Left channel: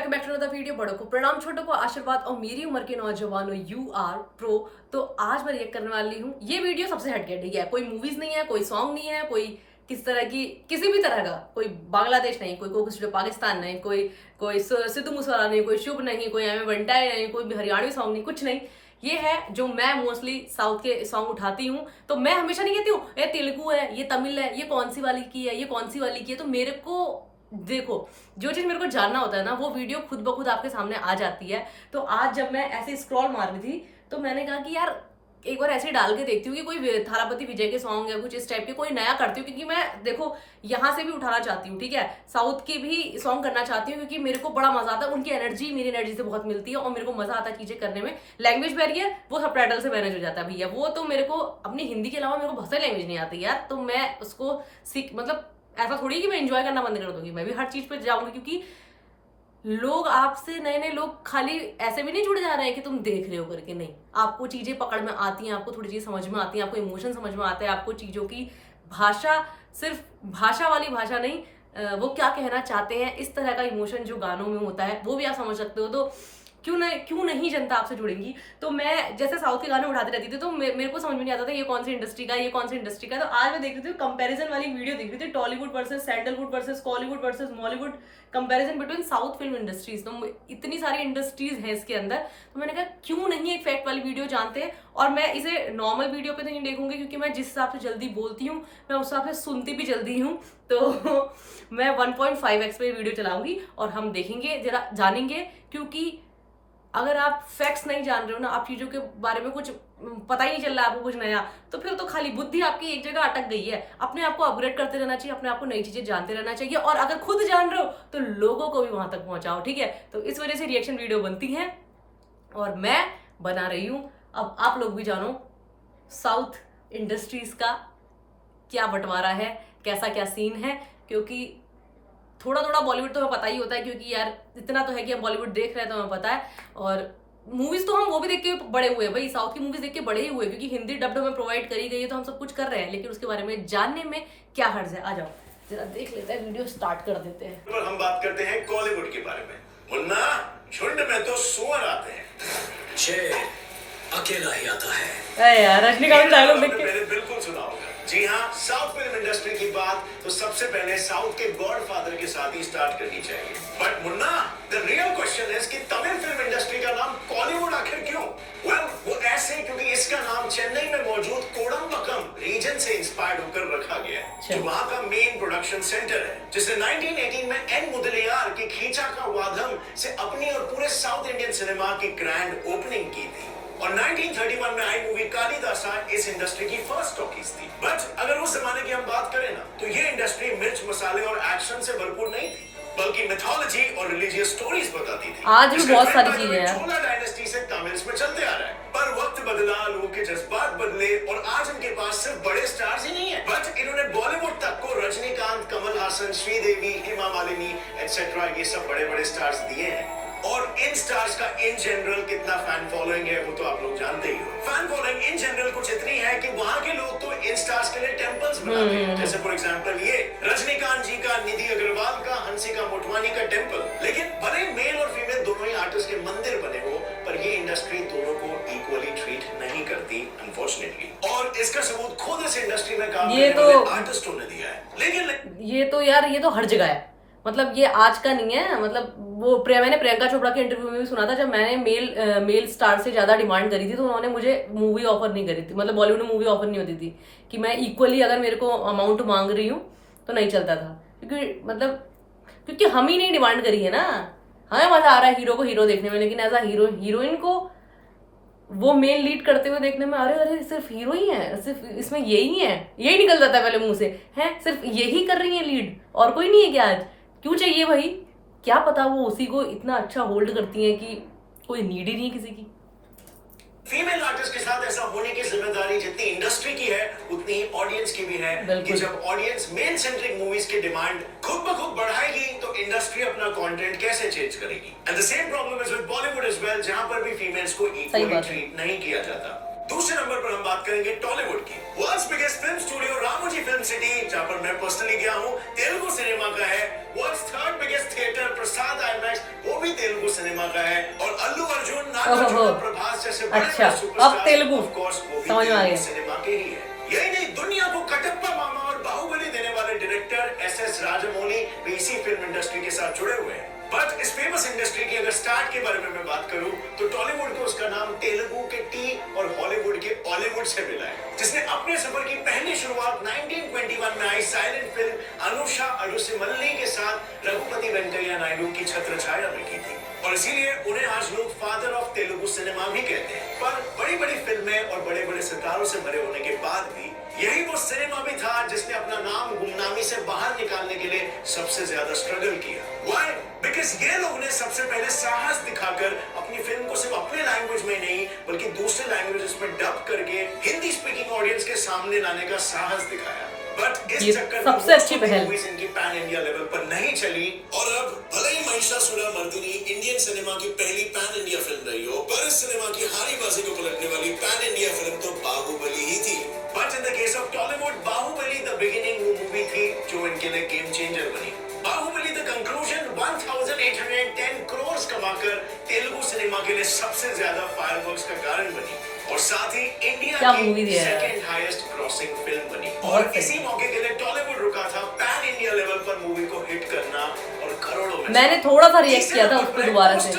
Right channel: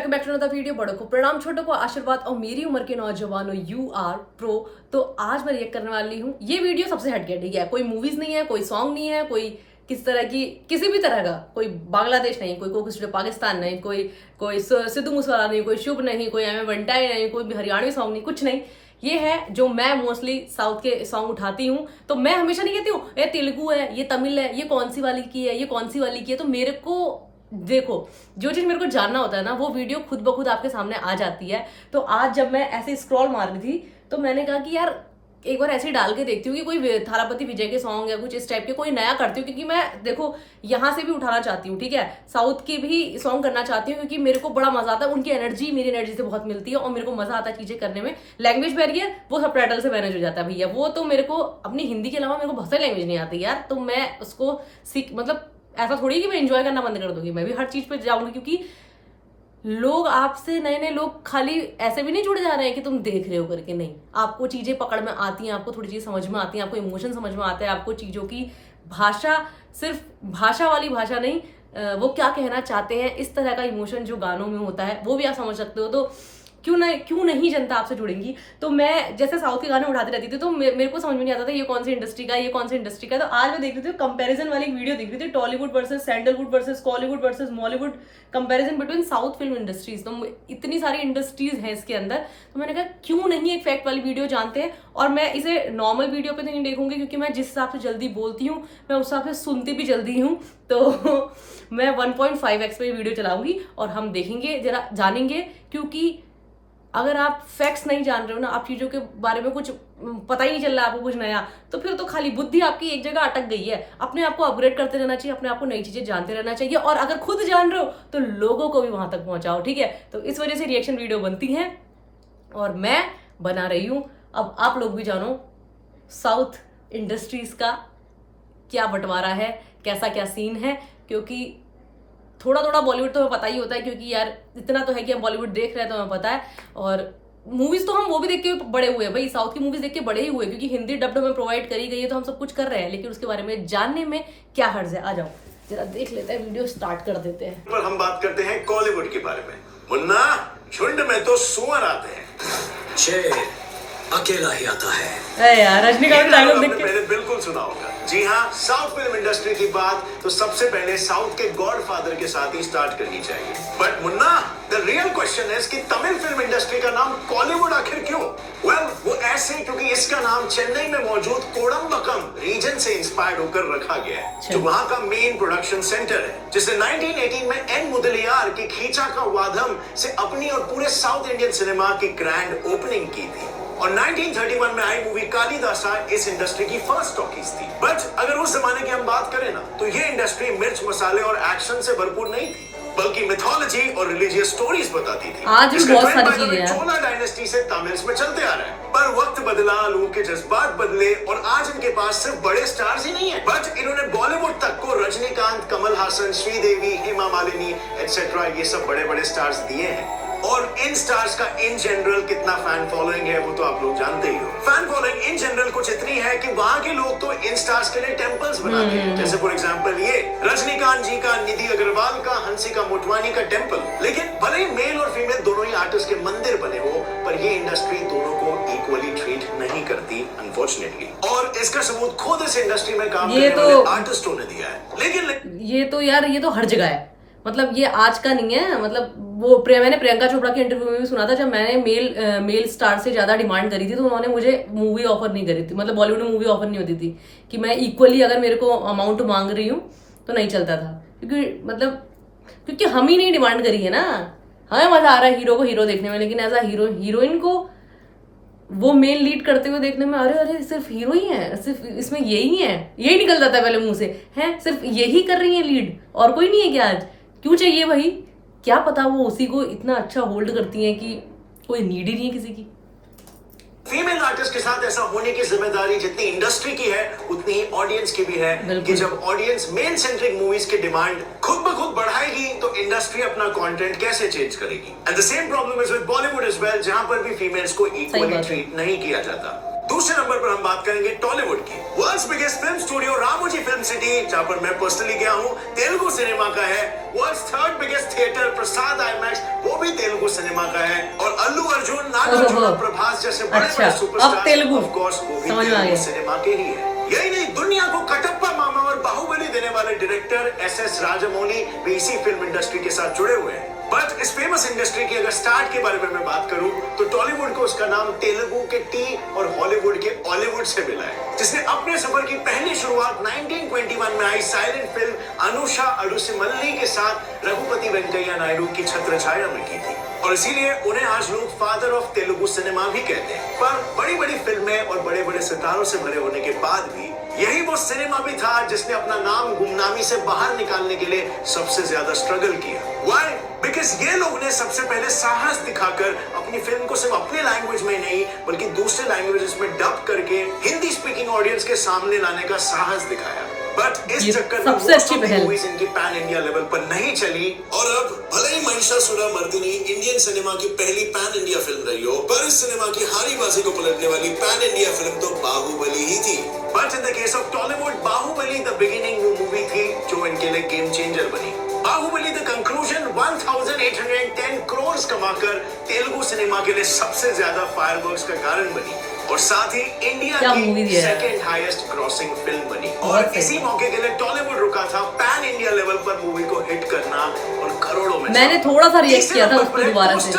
Welcome back to another video. बड़ों को प्रणाम, छोटों को आशीर्वाद और मेरी उम्र के नौजवानों यू आर प्रो। तो आज मैं रिएक्ट करने वाली हूँ। ये वीडियो सबसे हटके ठीक है, कोई मूवीज नहीं है, कोई सॉन्ग नहीं है, कोई किस तरह की किसी भी तरह का, कोई बांग्लादेश नहीं, कोई कोकिस्टो पाकिस्तान नहीं, कोई सिद्धू मूसेवाला नहीं, कोई शुभ नहीं, कोई एम बंटाई नहीं, कोई हरियाणवी सॉन्ग नहीं, कुछ नहीं। ये है जो मैं मोस्टली साउथ के सॉन्ग उठाती हूँ। तो मैं हमेशा नहीं कहती हूँ ये तेलुगु है, ये तमिल है, ये कौन सी वाली की है, ये कौन सी वाली की है। तो मेरे को देखो, जो चीज मेरे को जानना होता है ना, वो वीडियो खुद ब खुद आपके सामने आ जाती है। तो आज जब मैं ऐसे स्क्रॉल मार रही थी तो मैंने कहा कि यार एक बार ऐसे ही डाल के देखती हूँ कि कोई थालापति विजय के सॉन्ग या कुछ इस टाइप के कोई नया करती हूँ, क्योंकि मैं देखो यहाँ से भी उठाना चाहती हूँ, ठीक है, साउथ की भी सॉन्ग करना चाहती हूँ, क्योंकि मेरे को बड़ा मजा आता है। उनकी एनर्जी मेरी एनर्जी से बहुत मिलती है और मेरे को मजा आता है चीजें करने में। लैंग्वेज बैरियर वो सब टाइटल से मैनेज हो जाता है भैया। वो तो मेरे को अपनी हिंदी के अलावा मेरे को बहुत सारी लैंग्वेज नहीं आती यार, तो मैं उसको सीख मतलब ऐसा थोड़ी है कि मैं एंजॉय करना बंद कर दूंगी, मैं भी हर चीज पे जाऊंगी, क्योंकि लोग आपसे नए नए लोग खाली ऐसे भी नहीं जुड़ जा रहे हैं कि तुम देख रहे हो करके, नहीं, आपको चीजें पकड़ में आती हैं, आपको थोड़ी चीज समझ में आती है, आपको इमोशन समझ में आता है, आपको चीजों की भाषा, सिर्फ भाषा वाली भाषा नहीं, वो क्या कहना चाहते हैं, इस तरह का इमोशन जो गानों में होता है वो भी आप समझ सकते हो। तो क्यों नहीं जनता आपसे जुड़ेंगी। तो मैं जैसे साउथ के गाने उठाती रहती थी तो मेरे को समझ में नहीं आता था ये कौन सी इंडस्ट्री का, ये कौन सी इंडस्ट्री का। तो आज मैं देख रही थी कंपैरिजन वाली वीडियो देख रही थी, Tollywood versus sandalwood versus Kollywood versus Mollywood, comparison between south film industries. तो इतनी सारी इंडस्ट्रीज हैं इसके अंदर, तो मैंने कहा क्यों नहीं एक फैक्ट वाली वीडियो जानते हैं। और मैं इसे नॉर्मल वीडियो पे तो नहीं देखूंगी, क्योंकि मैं जिस हिसाब से जल्दी बोलती हूँ मैं उस हिसाब से सुनती भी जल्दी हूँ। तो मैं 1.5x पे वीडियो चलाऊंगी और हम देखेंगे, जरा जानेंगे, क्योंकि अगर आप फैक्ट्स नहीं जान रहे हो ना, आप चीजों के बारे में कुछ पता ही नहीं चल रहा है आपको कुछ नया, तो फिर तो खाली बुद्धि आपकी एक जगह अटक गई है। अपने आप को अपग्रेड करते रहना चाहिए, अपने आप को नई चीजें जानते रहना चाहिए, और अगर खुद जान रहे हो तो लोगों को भी वहां तक पहुंचाओ, ठीक है। तो इस वजह से रिएक्शन वीडियो बनती है और मैं बना रही हूं। अब आप लोग भी जानो साउथ इंडस्ट्रीज का क्या बंटवारा है, कैसा क्या सीन है, क्योंकि थोड़ा थोड़ा बॉलीवुड तो हमें पता ही होता है, क्योंकि यार इतना तो है कि हम बॉलीवुड देख रहे हैं तो हमें पता है। और मूवीज तो हम वो भी देख के बड़े हुए हैं भाई, साउथ की मूवीज देख के बड़े ही हुए, क्योंकि हिंदी डब्ड हमें प्रोवाइड करी गई है तो हम सब कुछ कर रहे हैं, लेकिन उसके बारे में जानने में क्या हर्ज है। आ जाओ जरा देख लेते हैं, वीडियो स्टार्ट कर देते हैं। पर हम बात करते हैं कॉलीवुड के बारे में। मुन्ना, झुंड में तो सुअर आते हैं, शेर अकेला ही आता है। अरे यार रजनीकांत का डायलॉग देख के मैंने बिल्कुल सुना होगा। जी हाँ, साउथ फिल्म इंडस्ट्री की बात तो सबसे पहले साउथ के गॉडफादर के साथ ही स्टार्ट करनी चाहिए। But Munna, the real question is कि तमिल फिल्म इंडस्ट्री का नाम कॉलीवुड आखिर क्यों? वेल, वो ऐसे क्योंकि इसका नाम चेन्नई में मौजूद कोडम्बक्कम रीजन से इंस्पायर्ड होकर रखा गया है, जो वहां का मेन प्रोडक्शन सेंटर है, जिसे 1918 में एन मुदलियार की खींचा का वादम से अपनी और पूरे साउथ इंडियन सिनेमा की ग्रैंड ओपनिंग की थी। और 1931 में आई मूवी कालिदासा इस इंडस्ट्री की फर्स्ट टॉकीज थी। बट अगर उस जमाने की हम बात करें ना, तो ये इंडस्ट्री मिर्च मसाले और एक्शन से भरपूर नहीं थी, बल्कि मिथोलॉजी और रिलीजियस स्टोरीज बताती थी। आज भी बहुत सारी चीजें हैं। चोला डायनेस्टी से तमिल्स में चलते आ रहे हैं, पर वक्त बदला, लोगों के जज्बात बदले और आज इनके पास सिर्फ बड़े स्टार्स ही नहीं है, बट इन्होंने बॉलीवुड तक को रजनीकांत, कमल हासन, श्रीदेवी, हेमा मालिनी एटसेट्रा ये सब बड़े बड़े स्टार्स दिए हैं। और इन स्टार्स का इन जनरल कितना फैन फॉलोइंग है वो तो आप लोग जानते ही हो। फैन फॉलोइंग इन जनरल कुछ इतनी है कि वहां के लोग तो इन स्टार्स के लिए टेंपल्स बनाते हैं। जैसे फॉर एग्जांपल ये रजनीकांत जी का, निधि अग्रवाल का, हंसिका मोटवानी का टेंपल। लेकिन भले मेल और फीमेल दोनों ही आर्टिस्ट के मंदिर बने हो, पर ये इंडस्ट्री दोनों को इक्वली ट्रीट नहीं करती अनफॉर्चुनेटली। और इसका सबूत खुद इस इंडस्ट्री में काम करने वाले आर्टिस्टों ने दिया है। लेकिन ये तो यार ये तो हर जगह है, मतलब ये आज का नहीं है। मतलब वो मैंने प्रियंका चोपड़ा के इंटरव्यू में भी सुना था, जब मैंने मेल स्टार से ज्यादा डिमांड करी थी तो उन्होंने मुझे मूवी ऑफर नहीं करी थी, मतलब बॉलीवुड में मूवी ऑफर नहीं होती थी कि मैं इक्वली अगर मेरे को अमाउंट मांग रही हूँ तो नहीं चलता था, क्योंकि हम ही नहीं डिमांड करी है ना। हमें मजा आ रहा है हीरो को हीरो देखने में, लेकिन एज अ हीरोइन को वो मेल लीड करते हुए देखने में अरे सिर्फ हीरो ही है, सिर्फ इसमें यही है, यही निकल जाता है पहले मुंह से, है सिर्फ यही कर रही है लीड, और कोई नहीं है क्या? आज क्यों चाहिए भाई? क्या पता वो उसी को इतना अच्छा होल्ड करती हैं कि कोई नीड ही नहीं है किसी की। फीमेल आर्टिस्ट के साथ ऐसा होने की जिम्मेदारी जितनी इंडस्ट्री की है उतनी ही ऑडियंस की भी है, कि जब ऑडियंस मेल सेंट्रिक मूवीज की डिमांड खुद ब खुद बढ़ाएगी तो इंडस्ट्री अपना कंटेंट कैसे चेंज करेगी। And the same problem is with Bollywood as well, जहां पर भी फीमेल्स को इक्वली ट्रीट नहीं किया जाता। दूसरे नंबर पर हम बात करेंगे टॉलीवुड की। World's biggest film studio Ramoji film city, जहां पर मैं पर्सनली गया हूं, तेलुगु सिनेमा का है। वर्ल्ड्स थर्ड बिगेस्ट थिएटर प्रसाद आईमैक्स, वो भी सिनेमा का है और अल्लू अर्जुन, ओहो, नागार्जुन, प्रभास जैसे बड़े अच्छा, बड़े सुपरस्टार अब तेलुगु ऑफ कोर्स वो भी समझ में आ गया। सिनेमा के ही है। यही नहीं, दुनिया को कटप्पा मामा और बाहुबली देने वाले डायरेक्टर एस.एस. राजामौली भी इसी फिल्म इंडस्ट्री के साथ जुड़े हुए हैं। बट इस फेमस इंडस्ट्री की अगर स्टार्ट के बारे में मैं बात करूं तो टॉलीवुड को उसका नाम तेलुगु के टी और हॉलीवुड के ऑलीवुड से मिला है, जिसने अपने सफर की पहली शुरुआत 1921 में आई साइलेंट फिल्म अनुषा अडुसिमल्ली के साथ रघुपति वेंकैया नायडू की छत्रछाया में की थी और इसीलिए उन्हें आज लोग फादर ऑफ तेलुगु सिनेमा भी कहते हैं। पर बड़ी बड़ी फिल्में और बड़े बड़े सितारों से भरे होने के बाद भी यही वो सिनेमा भी था जिसने अपना नाम गुमनामी से बाहर निकालने के लिए सबसे ज्यादा स्ट्रगल किया। Why? बिकॉज ये लोग ने सबसे पहले साहस दिखाकर अपनी फिल्म को सिर्फ अपने लैंग्वेज में नहीं बल्कि दूसरे लैंग्वेजेस में डब करके हिंदी स्पीकिंग ऑडियंस के सामने लाने का साहस दिखाया। बट इस चक्कर सबसे अच्छी पहल मूवीज इनकी पैन इंडिया लेवल पर नहीं चली और अब भले ही महिषासुरमर्दिनी इंडियन सिनेमा की पहली पैन इंडिया फिल्म रही हो, पर इस सिनेमा की हारी बाजी को पलटने वाली पैन इंडिया फिल्म तो बाहुबली ही थी। But in the case of Tollywood, Baahubali the beginning वो मूवी थी जो इनके लिए गेम चेंजर बनी। बाहुबली द कंक्लूजन 1810 करोड़ कमाकर तेलुगु सिनेमा के लिए सबसे ज्यादा फायरवर्क्स का कारण बनी और साथ ही इंडिया की सेकंड हाईएस्ट क्रॉसिंग फिल्म बनी। और इसी मौके के लिए टॉलीवुड रुका था पैन इंडिया लेवल पर मूवी को हिट करना और करोड़ों में। मैंने थोड़ा सा रिएक्ट किया था उस पर दोबारा से,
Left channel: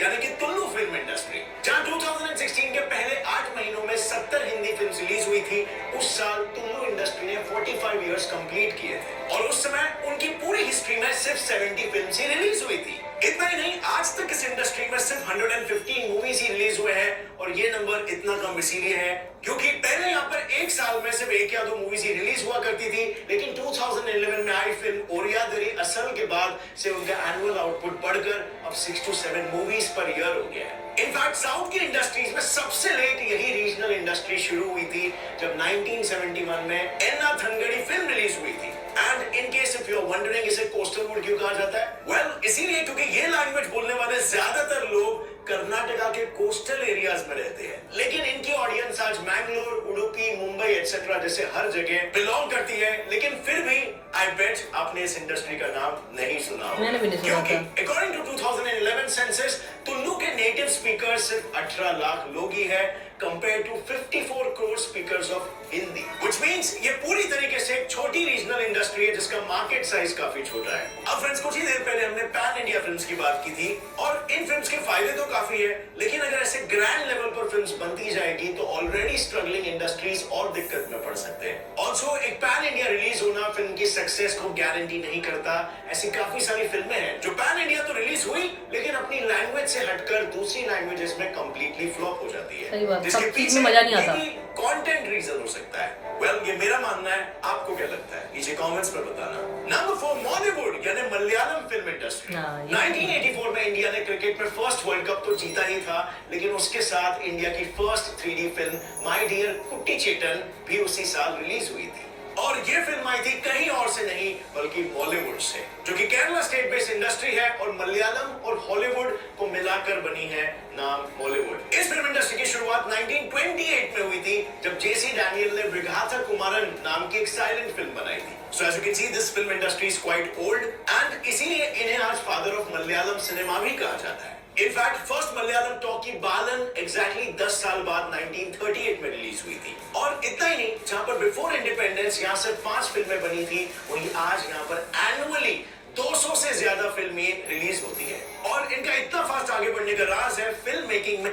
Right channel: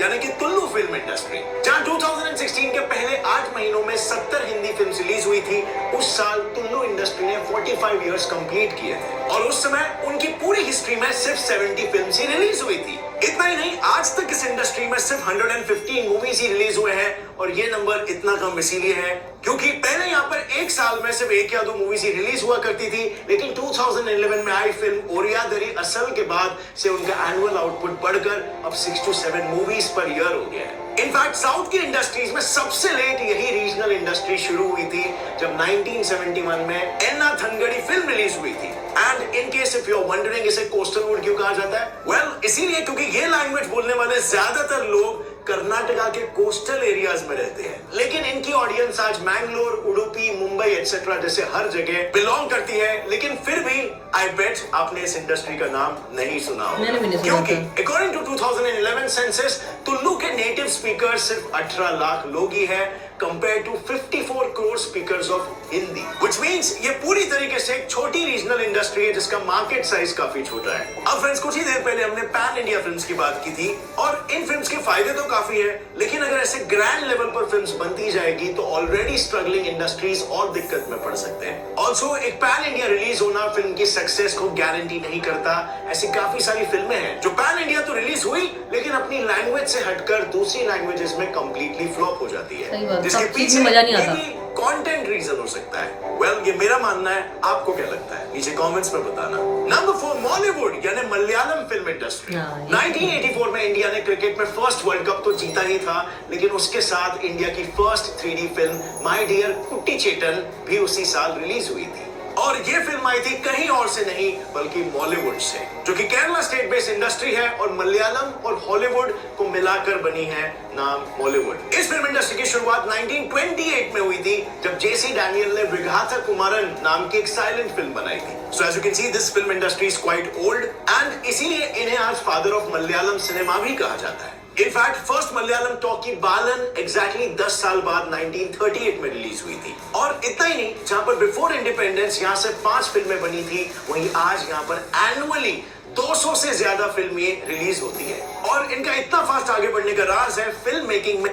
यानी कि तुल्लू फिल्म इंडस्ट्री, जहां 2016 के पहले 8 महीनों में 70 हिंदी फिल्म रिलीज हुई थी। उस साल तुल्लू इंडस्ट्री ने 45 इयर्स कंप्लीट किए थे और उस समय उनकी पूरी हिस्ट्री में सिर्फ 70 फिल्म ही रिलीज हुई थी। इतना ही नहीं, आज तक इस इंडस्ट्री में सिर्फ 115 मूवीज ही रिलीज हुए हैं और ये नंबर इतना कम इसीलिए है क्योंकि पहले यहाँ पर एक साल में सिर्फ 1 या 2 मूवीज ही रिलीज हुआ करती थी, लेकिन 2011 में आई फिल्म ओरियादरी असल के बाद से उनका एनुअल आउटपुट बढ़कर अब 6 to 7 मूवीज पर ईयर हो गया है। इनफैक्ट साउथ की इंडस्ट्रीज में सबसे लेट यही रीजनल इंडस्ट्री शुरू हुई थी जब 1971 में एन्ना थनगड़ी फिल्म रिलीज हुई थी। And in case if you are wondering इसे कोस्टल वुड क्यों कहा जाता है, वेल इसीलिए क्योंकि ये लैंग्वेज बोलने वाले ज्यादातर लोग कर्नाटका के कोस्टल एरियाज में रहते हैं, लेकिन इनकी ऑडियंस आज मैंगलोर, उडुपी, मुंबई एटसेट्रा जैसे हर जगह बिलोंग करती है। लेकिन फिर भी आई बेट आपने इस इंडस्ट्री का नाम नहीं सुना होगा। मैंने भी नहीं सुना था। अकॉर्डिंग टू 2011 सेंसस तुल्लू के नेटिव स्पीकर सिर्फ 18 लाख लोग ही है compare to 54 crore speakers of Hindi, which means ये पूरी तरीके से एक छोटी रीजनल इंडस्ट्री है जिसका मार्केट साइज काफी छोटा है। अब फ्रेंड्स, कुछ ही देर पहले हमने पैन इंडिया फिल्म्स की बात की थी और इन फिल्म्स के फायदे तो काफी है, लेकिन अगर ऐसे ग्रैंड लेवल पर फिल्म्स बनती जाएगी तो ऑलरेडी स्ट्रगलिंग इंडस्ट्रीज और दिक्कत में पड़ सकते हैं। ऑल्सो एक पैन इंडिया रिलीज होना फिल्म की सक्सेस को गारंटी नहीं करता। ऐसी काफी सारी फिल्में हैं जो पैन इंडिया तो रिलीज हुई लेकिन अपनी लैंग्वेज से हटकर दूसरी लैंग्वेजेस में कंप्लीटली फ्लॉप हो जाती है। सही बात, सब चीज में मजा नहीं आता। कंटेंट रीजन हो सकता है। वेल, ये मेरा मानना है, आपको क्या लगता है नीचे कमेंट्स में बताना। नंबर 4 मॉलीवुड यानी मलयालम फिल्म इंडस्ट्री। 1984 में इंडिया ने क्रिकेट में फर्स्ट वर्ल्ड कप तो जीता ही था, लेकिन उसके साथ इंडिया की first 3D film my dear कुट्टी चेतन भी उसी साल रिलीज हुई थी और ये फिल्म आई थी कहीं और से नहीं बल्कि बॉलीवुड से, जो कि केरला स्टेट बेस्ड इंडस्ट्री है और मलयालम और हॉलीवुड को मिलाकर बनी है नाम बॉलीवुड। इस फिल्म इंडस्ट्री की शुरुआत 1928 में हुई थी जब जेसी डैनियल ने विघाथा कुमारन नाम की एक साइलेंट फिल्म बनाई थी। So as you can see this film industry is quite old and इसीलिए इन्हें आज फादर ऑफ मलयालम सिनेमा भी कहा जाता है। इनफैक्ट फर्स्ट मलयालम टॉकी बालन एग्जैक्टली 10 साल बाद 1938 में रिलीज हुई थी और इतना ही नहीं, जहां पर बिफोर इंडिपेंडेंस यहाँ से 5 फिल्में बनी थी, वहीं आज यहाँ पर एनुअली 200 से ज्यादा फिल्में रिलीज होती है और इनका इतना फास्ट आगे बढ़ने का राज है फिल्म मेकिंग में।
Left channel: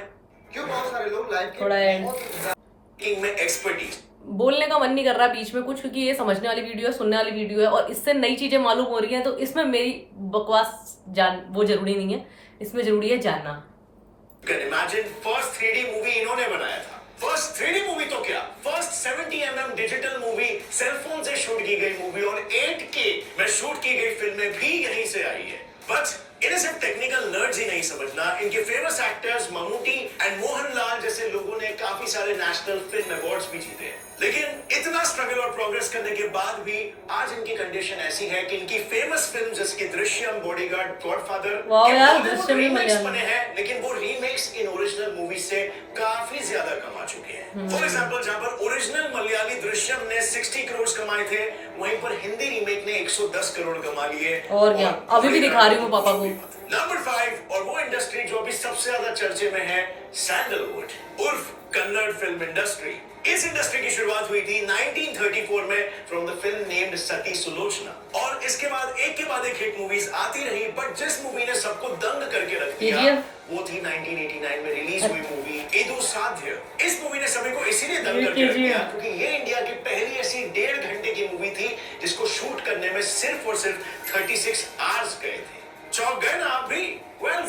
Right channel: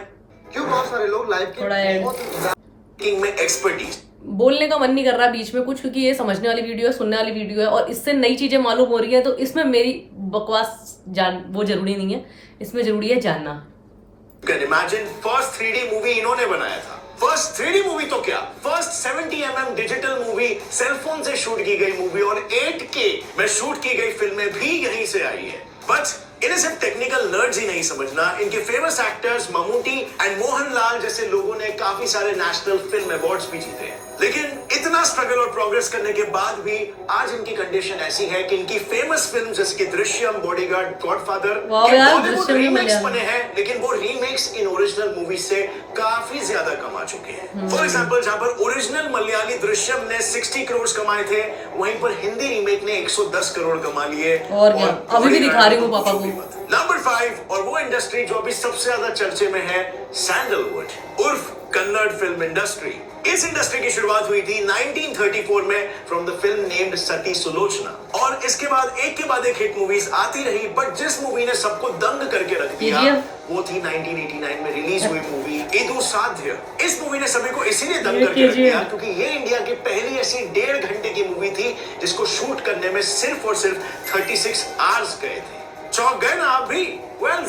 क्यों बहुत सारे लोग लाइव में एक्सपर्टीज। बोलने का मन नहीं कर रहा बीच में कुछ, क्योंकि ये समझने वाली वीडियो है, सुनने वाली वीडियो है और इससे नई चीजें मालूम हो रही हैं, तो इसमें मेरी बकवास वो जरूरी नहीं है, इसमें जरूरी है जानना। Can imagine first 3D movie इन्होंने बनाया था। फर्स्ट 3D मूवी तो क्या, first 70mm digital movie, cellphone से शूट की गई मूवी और 8K में शूट की गई फिल्में भी यहीं से आई है। बट इन्हें सिर्फ टेक्निकल नर्ड्स ही नहीं समझना, इनके famous actors Mammootty and Mohanlal जैसे लोगों ने काफी सारे नेशनल फिल्म अवार्ड्स भी जीते हैं। लेकिन इतना स्ट्रगल और प्रोग्रेस करने के बाद भी आज इनकी कंडीशन ऐसी है कि इनकी फेमस फिल्म जैसे कि दृश्यम, बॉडीगार्ड, गॉडफादर वाह यार, दृश्यम भी रीमेक्स मलयालम बने हैं, लेकिन वो रीमेक्स इन ओरिजिनल मूवीज से काफी ज्यादा कमा चुके हैं। फॉर एग्जांपल, जहां पर ओरिजिनल मलयाली दृश्यम ने 60 करोड़ कमाए थे, वहीं पर हिंदी रीमेक ने 110 करोड़ कमा लिए। और क्या, अभी भी दिखा रही हूँ पापा को। नंबर 5 और वो इंडस्ट्री जो अभी सबसे ज्यादा चर्चे में है, सैंडलवुड उर्फ कन्नड़ फिल्म इंडस्ट्री। इस इंडस्ट्री की शुरुआत हुई थी 1934 में फ्रॉम द फिल्म नेम्ड सती सुलोचना, और इसके बाद एक हिट मूवीज आती रही, बट जिस मूवी ने सबको दंग करके रख दिया वो थी 1989 में रिलीज हुई मूवी इदु साध्य। इस मूवी ने सभी को इसीलिए दंग करके रख दिया क्योंकि ये इंडिया की पहली ऐसी 1.5 घंटे की मूवी थी जिसको शूट करने में सिर्फ और सिर्फ 36 आवर्स गए थे। चौंक गए ना आप भी?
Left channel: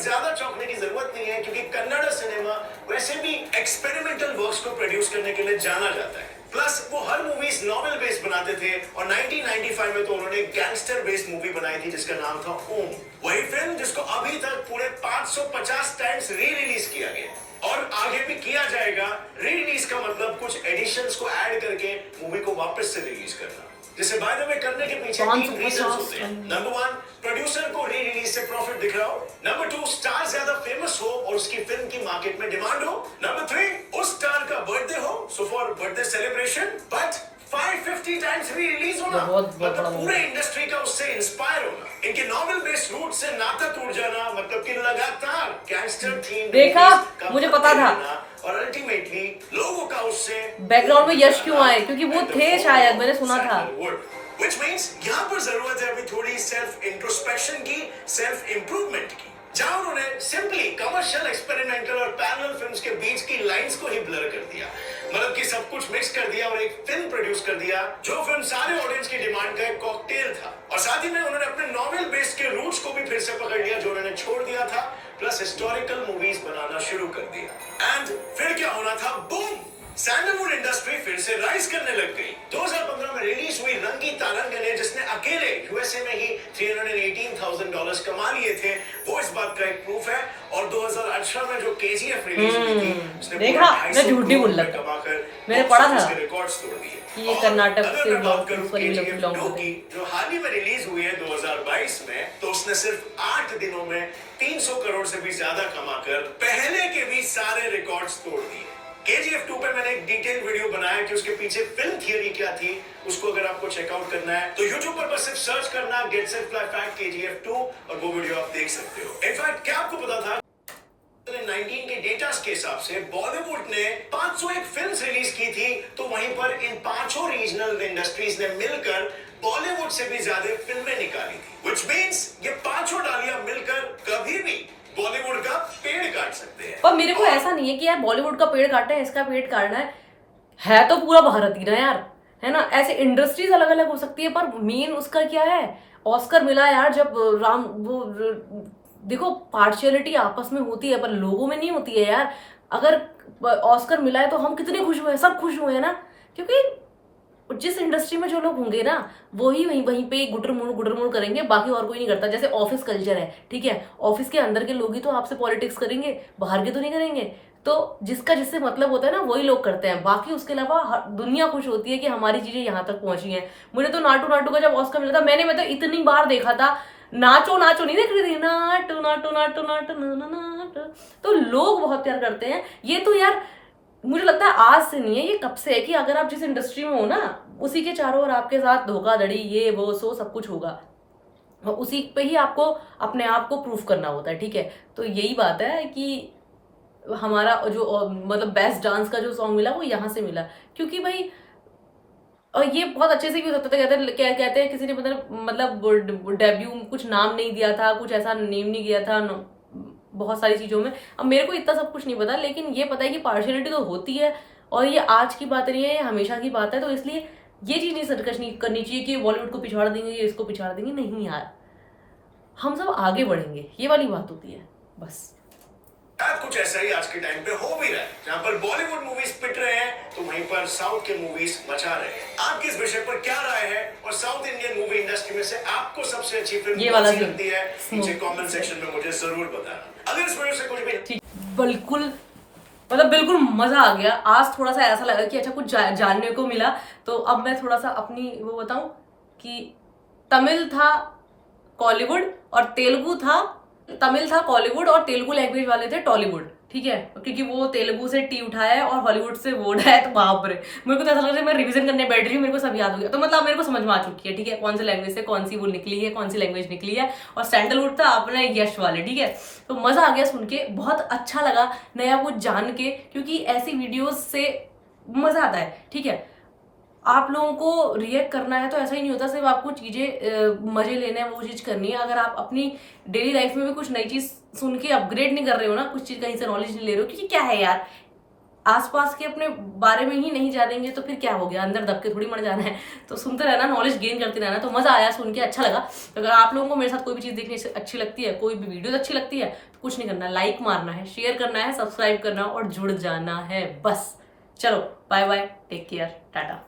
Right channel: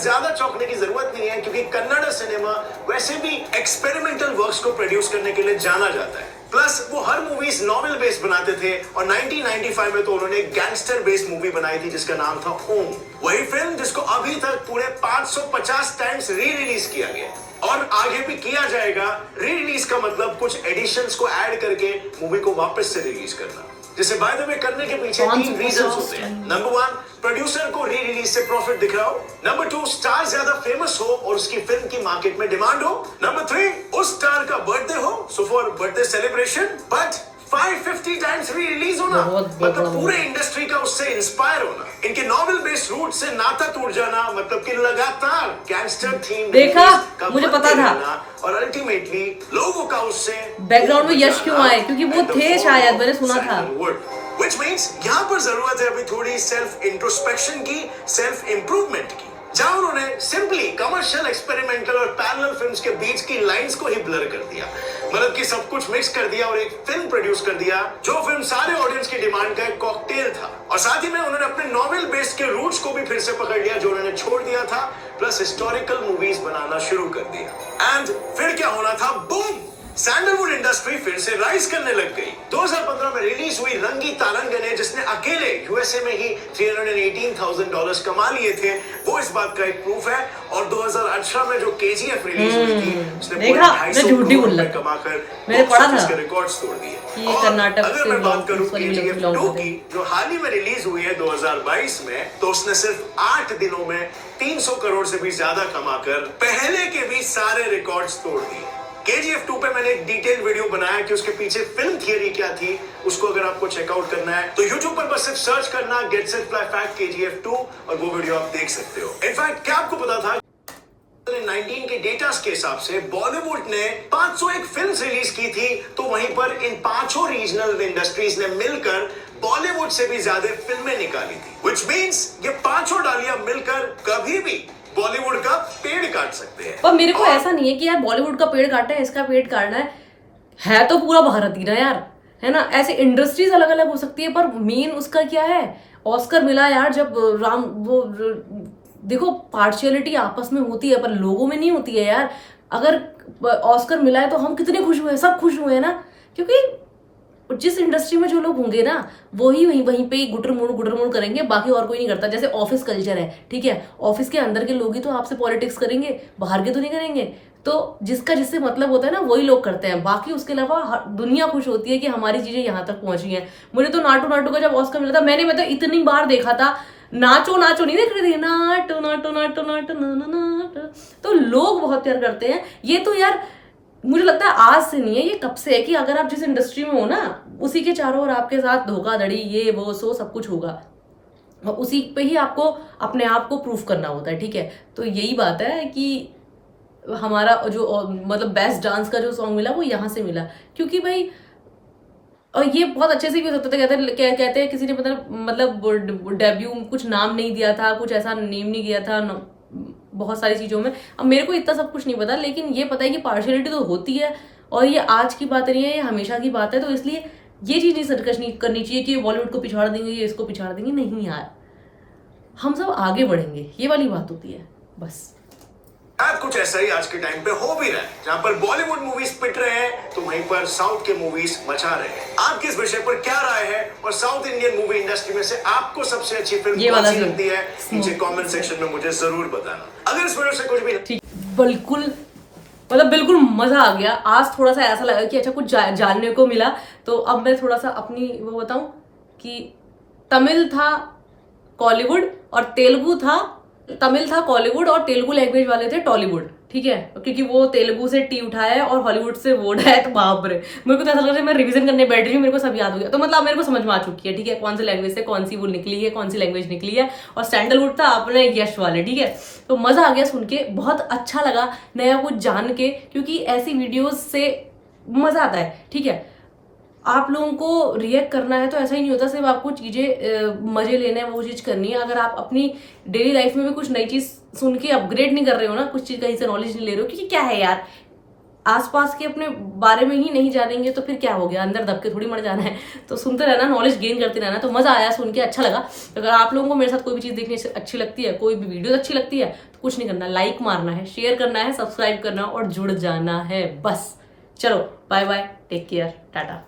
ज्यादा चौंकने की जरूरत नहीं है क्योंकि कन्नड़ सिनेमा वैसे भी एक्सपेरिमेंटल वर्क्स को प्रोड्यूस करने के लिए जाना जाता है। प्लस वो हर मूवीज नॉवेल बेस्ड बनाते थे, और 1995 में तो उन्होंने गैंगस्टर बेस्ड मूवी बनाई थी जिसका नाम था ओम। वही फिल्म जिसको अभी तक पूरे 550 टाइम्स री रिलीज किया गया और आगे भी किया जाएगा। री रिलीज का मतलब कुछ एडिशंस को ऐड करके मूवी को वापस से रिलीज करना, जिसे बाय द वे करने के पीछे 3 रीजंस होते हैं। नंबर 1, प्रोड्यूसर को री रिलीज से प्रॉफिट दिख रहा हो। नंबर 2, स्टार ज्यादा फेमस हो और उसकी फिल्म की मार्केट में डिमांड हो। नंबर 3, उस स्टार का बर्थडे हो, so for birthday celebration. But 550 times re release होना मतलब पूरे इंडस्ट्री का उससे इंस्पायर होना, इनके नॉवेल बेस्ड रूट से नाता टूट जाना, मतलब कि लगातार गैंगस्टर थीम देखा, मुझे पता था। और अल्टीमेटली लोगों का उससे बैकग्राउंड में यश क्यों आए, क्योंकि वो थे शायद, मैंने सुना था। Which means यहाँ पर जरूरत है अभी थोड़ी सेल्फ इंट्रोस्पेक्शन की, सेल्फ इंप्रूवमेंट की, जहां उन्होंने सिंपली कमर्शियल, एक्सपेरिमेंटल और पैरेलल फिल्म्स के बीच की लाइंस को ही ब्लर कर दिया, मतलब कि सब कुछ मिक्स कर दिया और एक फिल्म प्रोड्यूस कर दिया जो फिल्म सारे ऑडियंस की डिमांड का एक कॉकटेल था। और साथ ही में उन्होंने अपने नॉवेल बेस्ड के रूट्स को भी फिर से पकड़ लिया जो उन्होंने छोड़ दिया था, प्लस हिस्टोरिकल मूवीज बनाना शुरू कर दिया। एंड फिर क्या होना था? बूम! सैंडलवुड इंडस्ट्री फिर से राइज करने लग गई। 2015 में रिलीज हुई रंगी तारंगने, जिसने अकेले यूएसए में ही $318,000 कमा लिए थे, वो इस बात का एक प्रूफ है। और 2018 में जो केजीएफ रिलीज हुई थी, उसने देखा, मैं झूठ नहीं बोल रहा, कमाकर मैंने पढ़ा था रिकॉर्ड्स तोड़ दिए। कि ये कर्नाटक से बिलोंग करते हैं, जो हाल ही में रिलीज हुई है 2022 में, तो उसने सिर्फ 8 दिनों में 300 करोड़ से भी ज्यादा कमाकर पहले के भी सारे रिकॉर्ड्स तोड़ दिए। KGF 2 पे मैंने एक डिटेल वीडियो बनाया कि उसके पीछे फिल्म थियरी क्या थी, उसको अगर आपको चेकआउट करना है तो YouTube पर बस सिर्फ सर्च करना get set fly fact KGF 2 और वो वीडियो आप देख सकते हो। इनफैक्ट क्या आपको पता था 2019 के डेटा के हिसाब से बॉलीवुड ने 501 फिल्म्स रिलीज की थी, तो वहीं पर इन 5 रीजनल इंडस्ट्रीज ने मिलकर बॉलीवुड से भी ज्यादा फिल्में निकाली थी। Which means ये 5 डालियां मिलकर कभी भी बॉलीवुड का पेड़ काट सकते हैं। पर मेरे को ऐसा नहीं है कि यार बॉलीवुड का पेड़ काटना है, इसका पेड़ काटना है तो पूरा भारत ही ना यार, है ना। ऐसे इंडस्ट्रीज अलग अलग हो सकती है, पर मेन उसका क्या है, ऑस्कर मिला यार जब वो देखो, पार्शियलिटी आपस में होती है पर लोगों में नहीं होती है यार। अगर ऑस्कर मिला है तो हम कितने खुश हुए, सब खुश हुए ना, क्योंकि जिस इंडस्ट्री में जो लोग होंगे ना वही वहीं पे गुटर मुड़ करेंगे, बाकी और कोई नहीं करता। जैसे ऑफिस कल्चर है, ठीक है, ऑफिस के अंदर के लोग ही तो आपसे पॉलिटिक्स करेंगे, बाहर के तो नहीं करेंगे। तो जिसका जिससे मतलब होता है ना वही लोग करते हैं, बाकी उसके अलावा दुनिया खुश होती है कि हमारी चीजें यहाँ तक पहुंची हैं। मुझे तो नाटू का जब ऑस्कर मिला था, मैंने मतलब इतनी बार देखा था, नाचो नहीं देख रही थी, नाटो। तो लोग बहुत प्यार करते हैं। ये तो यार मुझे लगता है आज से नहीं है, ये कब से है कि अगर आप जिस इंडस्ट्री में हो ना, उसी के चारों ओर आपके साथ धोखाधड़ी, ये वो सो सब कुछ होगा, और उसी पे ही आपको अपने आप को प्रूफ करना होता है, ठीक है। तो यही बात है कि हमारा जो मतलब बेस्ट डांस का जो सॉन्ग मिला वो यहाँ से मिला, क्योंकि भाई, और ये बहुत अच्छे से भी हो सकता था। कहते हैं किसी ने मतलब डेब्यू कुछ नाम नहीं दिया था, कुछ ऐसा नेम नहीं किया था बहुत सारी चीज़ों में। अब मेरे को इतना सब कुछ नहीं पता, लेकिन ये पता है कि पार्शियलिटी तो होती है, और ये आज की बात नहीं है, ये हमेशा की बात है। तो इसलिए ये चीज़ नहीं सर्कस नहीं करनी चाहिए कि बॉलीवुड को पिछाड़ देंगे, ये इसको पिछाड़ देंगे, नहीं यार, हम सब आगे बढ़ेंगे, ये वाली बात होती है बस। कुछ ऐसा ही आज के टाइम पे हो भी रहा है, जहां पर बॉलीवुड मूवीज पिट रहे हैं तो वहीं पर साउथ के मूवीज मचा रहे हैं। आपकी इस विषय पर क्या राय है, और साउथ इंडियन मूवी इंडस्ट्री में से आपको सबसे अच्छी फिल्म कौन सी लगती है, नीचे कमेंट सेक्शन में मुझे जरूर बताना। अगर इस वीडियो से कुछ भी बिल्कुल मतलब बिल्कुल मजा आ गया। आज थोड़ा सा ऐसा लगा कि अच्छा कुछ जानने को मिला। तो अब मैं थोड़ा सा अपनी वो बताऊं कि तमिल था कॉलीवुड और तेलुगु था, तमिल था कॉलीवुड और तेलुगु लैंग्वेज वाले थे टॉलीवुड, ठीक है, क्योंकि वो तेलुगु से टी उठाया है और हॉलीवुड से वो उठाया। तो बाप रे, मेरे को तो ऐसा लग रहा है मैं रिवीजन करने बैठ रही हूँ, मेरे को सब याद हो गया। तो मतलब मेरे को समझ में आ चुकी है, ठीक है, कौन सी लैंग्वेज से कौन सी वो निकली है, कौन सी लैंग्वेज निकली है। और सैंडलवुड था अपने यश वाले, ठीक है। तो मजा आ गया सुन के, बहुत अच्छा लगा नया कुछ जान के, क्योंकि ऐसी वीडियोज से मजा आता है, ठीक है। आप लोगों को रिएक्ट करना है तो ऐसा ही नहीं होता सिर्फ आपको चीजें मजे लेने हैं, वो चीज करनी है। अगर आप अपनी डेली लाइफ में भी कुछ नई चीज सुन के अपग्रेड नहीं कर रहे हो ना, कुछ चीज कहीं से नॉलेज नहीं ले रहे हो, क्योंकि क्या है यार, आसपास के अपने बारे में ही नहीं जानेंगे तो फिर क्या हो गया, अंदर दब के थोड़ी मर जाना है। तो सुनते रहना, नॉलेज गेन करते रहना। तो मजा आया सुन के, अच्छा लगा। तो अगर आप लोगों को मेरे साथ कोई भी चीज देखने अच्छी लगती है, कोई भी वीडियो अच्छी लगती है, तो कुछ नहीं करना, लाइक मारना है, शेयर करना है, सब्सक्राइब करना और जुड़ जाना है, बस। चलो bye bye, take care, Tata.